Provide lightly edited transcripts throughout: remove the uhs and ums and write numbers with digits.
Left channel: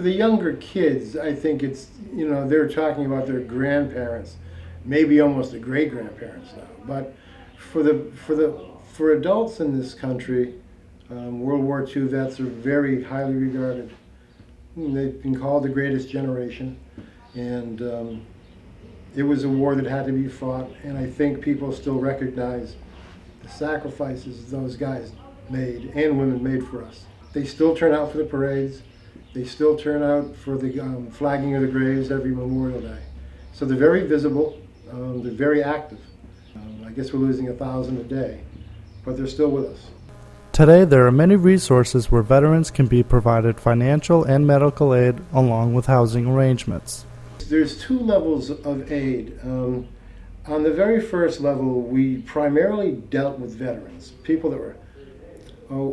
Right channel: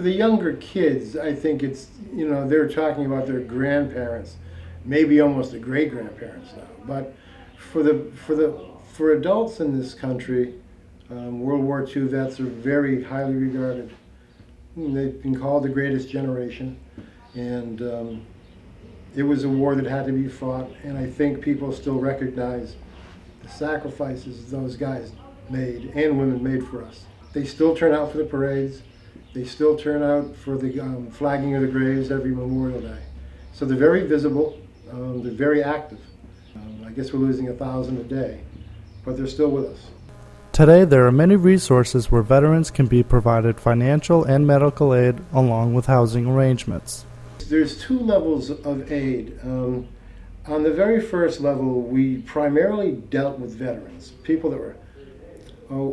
For the younger kids, I think it's, they're talking about their grandparents, maybe almost the great-grandparents now. But for adults in this country, World War II vets are very highly regarded. They've been called the greatest generation, and it was a war that had to be fought, and I think people still recognize the sacrifices those guys made and women made for us. They still turn out for the parades. They still turn out for the flagging of the graves every Memorial Day. So they're very visible, they're very active. I guess we're losing 1,000 a day, but they're still with us. Today, there are many resources where veterans can be provided financial and medical aid along with housing arrangements. There's 2 levels of aid. On the very first level, we primarily dealt with veterans, people that were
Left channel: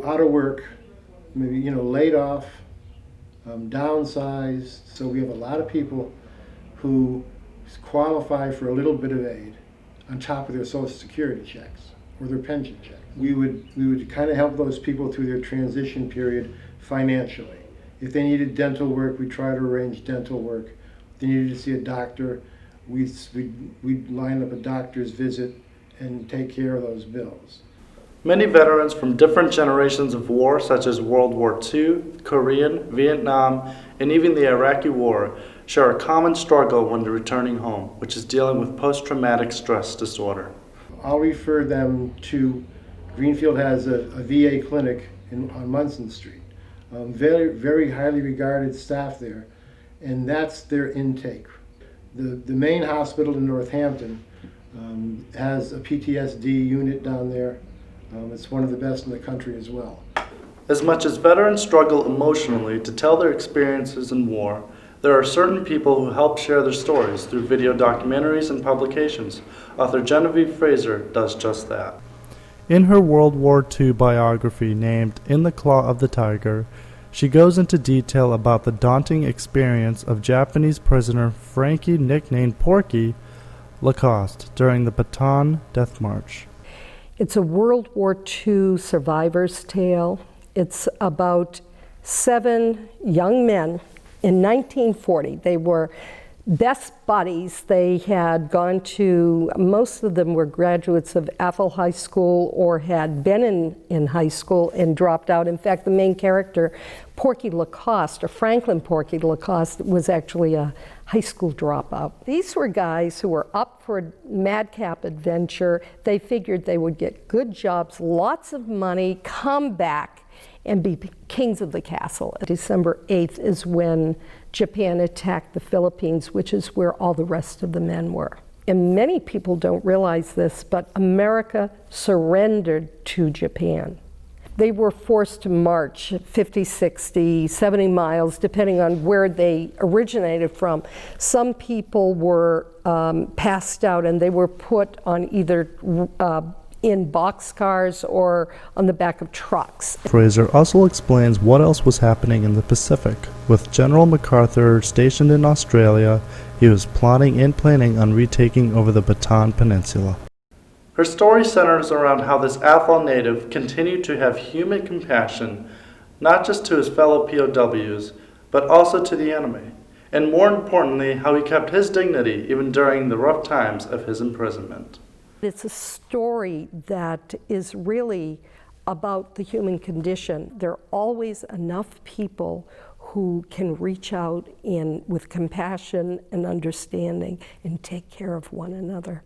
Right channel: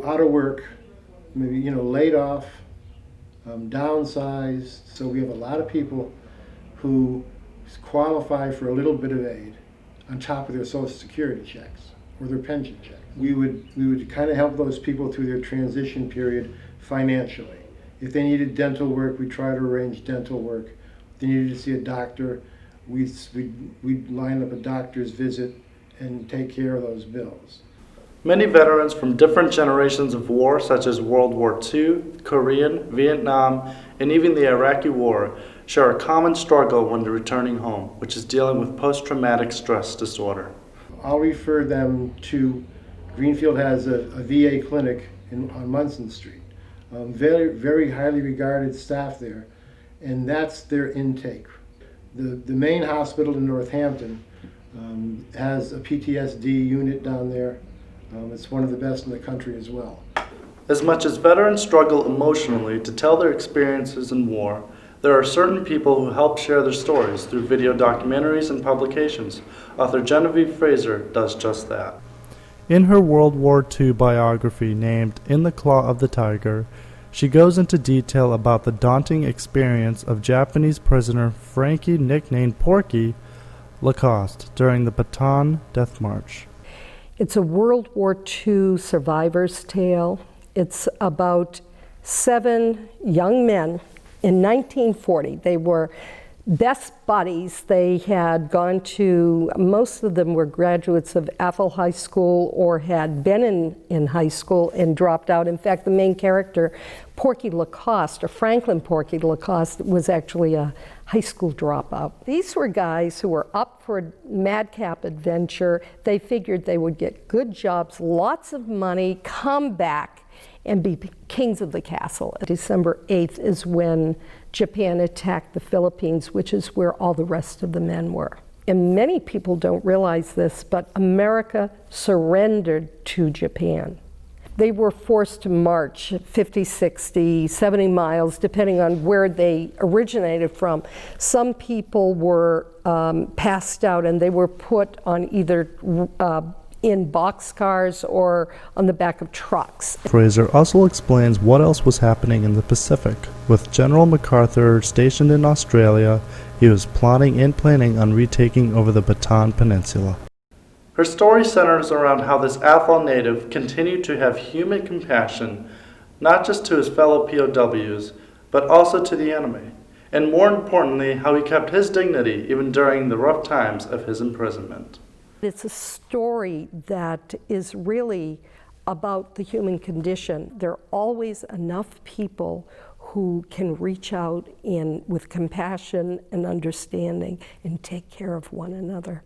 out of work, maybe laid off, downsized. So we have a lot of people who qualify for a little bit of aid on top of their Social Security checks or their pension checks. We would kind of help those people through their transition period financially. If they needed dental work, we try to arrange dental work. If they needed to see a doctor, we'd line up a doctor's visit and take care of those bills. I'll refer them to, Greenfield has a VA clinic on Munson Street. Very, very highly regarded staff there, and that's their intake. The main hospital in Northampton has a PTSD unit down there. It's one of the best in the country as well. In her World War II biography named In the Claw of the Tiger, she goes into detail about the daunting experience of Japanese prisoner Frankie, nicknamed Porky, Lacoste during the Bataan Death March. It's a World War II survivor's tale. It's about 7 young men in 1940. They were best buddies. They had gone to, most of them were graduates of Athol High School or had been in high school and dropped out. In fact, the main character, Porky Lacoste, or Franklin Porky Lacoste, was actually a high school dropout. These were guys who were up for a madcap adventure. They figured they would get good jobs, lots of money, come back, and be kings of the castle. December 8th is when Japan attacked the Philippines, which is where all the rest of the men were. And many people don't realize this, but America surrendered to Japan. They were forced to march 50, 60, 70 miles, depending on where they originated from. Some people were passed out and they were put on either in boxcars or on the back of trucks. Fraser also explains what else was happening in the Pacific. With General MacArthur stationed in Australia, he was plotting and planning on retaking over the Bataan Peninsula. It's a story that is really about the human condition. There are always enough people who can reach out with compassion and understanding and take care of one another.